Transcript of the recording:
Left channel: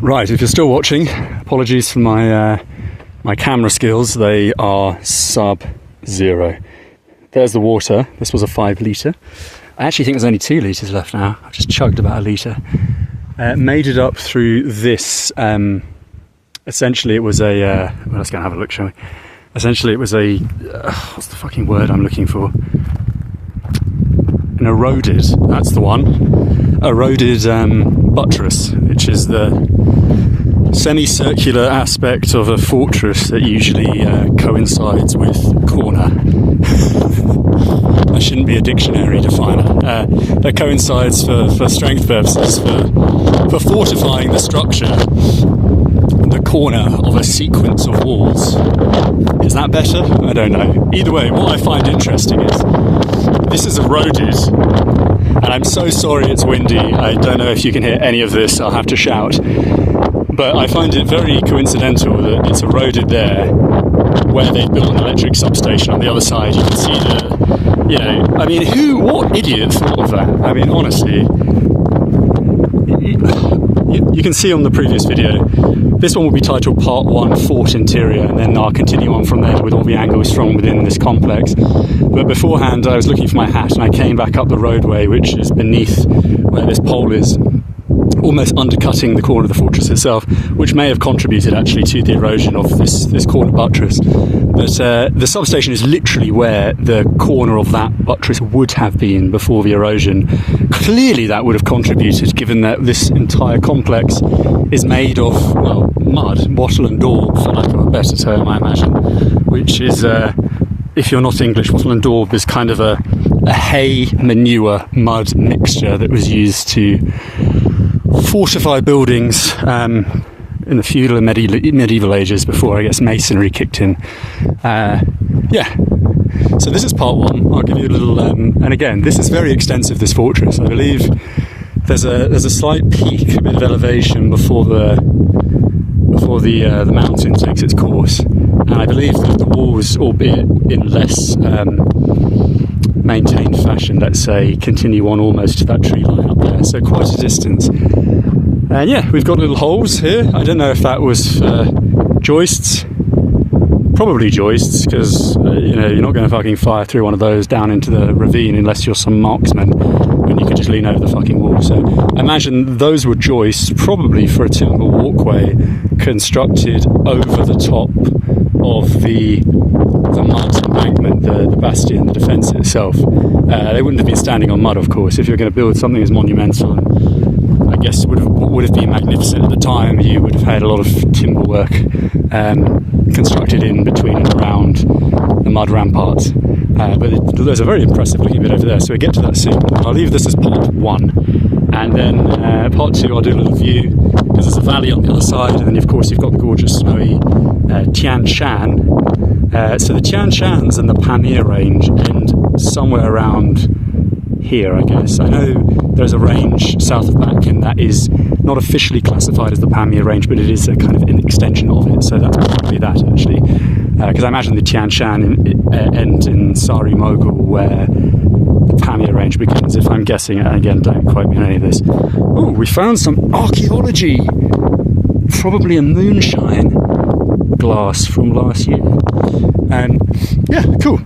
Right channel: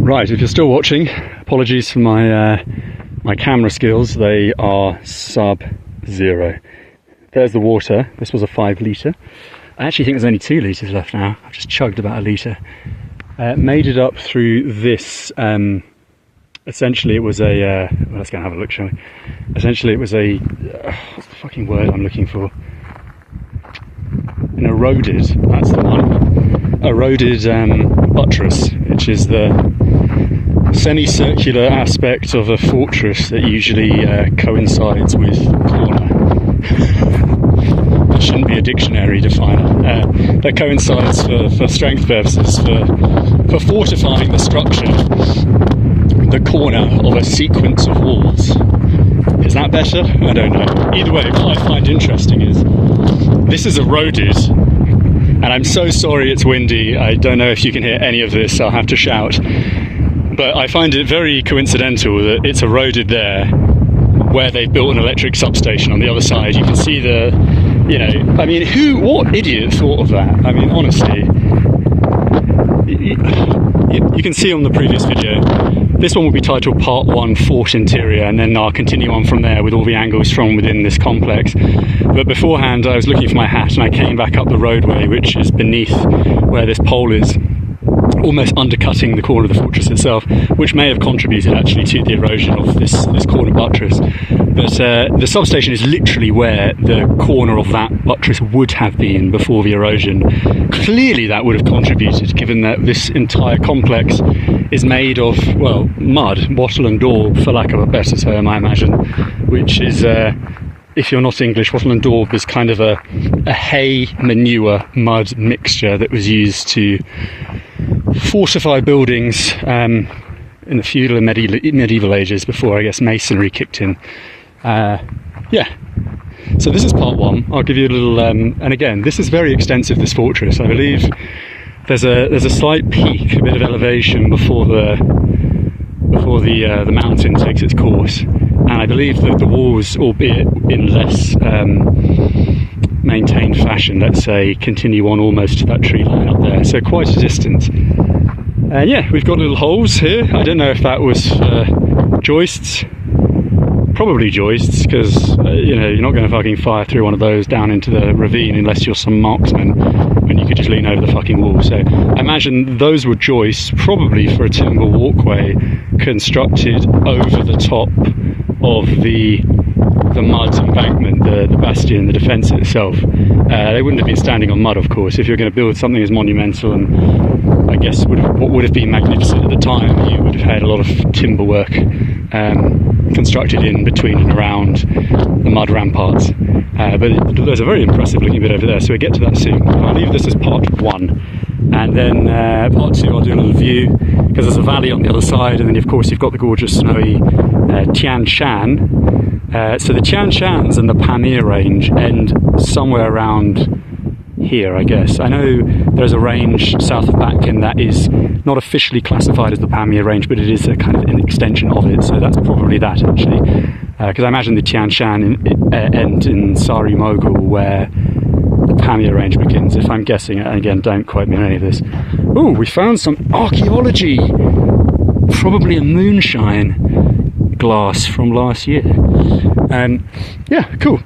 Right, if you're still watching, apologies for my my camera skills. They are sub-zero. There's the water. This was a 5 litre. I actually think there's only 2 litres left now. I've just chugged about a litre. Made it up through this. Essentially, it was a. Well, let's go and have a look, shall we? Essentially, it was a. What's the fucking word I'm looking for? An eroded. That's the one. Eroded buttress, which is the semicircular aspect of a fortress that usually coincides with corner. There shouldn't be a dictionary definer. That coincides for strength purposes, for fortifying the structure, the corner of a sequence of walls. Is that better? I don't know. Either way, what I find interesting is this is eroded, and I'm so sorry it's windy. I don't know if you can hear any of this, I'll have to shout. But I find it very coincidental that it's eroded there, where they built an electric substation on the other side. You can see the, you know, I mean, what idiot thought of that? I mean, honestly, you can see on the previous video, this one will be titled Part 1 Fort Interior, and then I'll continue on from there with all the angles from within this complex. But beforehand, I was looking for my hat, and I came back up the roadway, which is beneath where this pole is, almost undercutting the corner of the fortress itself, which may have contributed actually to the erosion of this corner buttress. But the substation is literally where the corner of that buttress would have been before the erosion. Clearly that would have contributed, given that this entire complex is made of, well, mud, wattle and daub, for lack of a better term, I imagine, which is, if you're not English, wattle and daub is kind of a hay, manure, mud mixture that was used to fortify buildings in the feudal and medieval ages, before, I guess, masonry kicked in. Yeah, so this is part 1. I'll give you a little, and again, this is very extensive, this fortress. I believe there's a slight peak, a bit of elevation before the mountain takes its course, and I believe that the walls, albeit in less maintained fashion, let's say, continue on almost to that tree line up there, so quite a distance. And yeah, we've got little holes here. I don't know if that was joists. Probably joists, because you know, you're not going to fucking fire through one of those down into the ravine unless you're some marksman, when you could just lean over the fucking wall. So I imagine those were joists, probably for a timber walkway constructed over the top of the mud embankment, the bastion, the defence itself. They wouldn't have been standing on mud, of course. If you're going to build something as monumental and, I guess, what would have been magnificent at the time, you would have had a lot of timber work constructed in between and around the mud ramparts. But there's a very impressive looking bit over there, so we'll get to that soon. I'll leave this as part 1. And then part 2, I'll do a little view, because there's a valley on the other side, and then of course you've got the gorgeous snowy Tian Shan. So the Tian Shans and the Pamir range end somewhere around here, I guess. I know there's a range south of Batken that is not officially classified as the Pamir range, but it is a kind of an extension of it, so that's probably that, actually. Because I imagine the Tian Shan end in Sari Mogul, where the Pamir range begins, if I'm guessing. Again, don't quote me on any of this. Oh, we found some archaeology! Probably a moonshine glass from last year. Yeah, cool.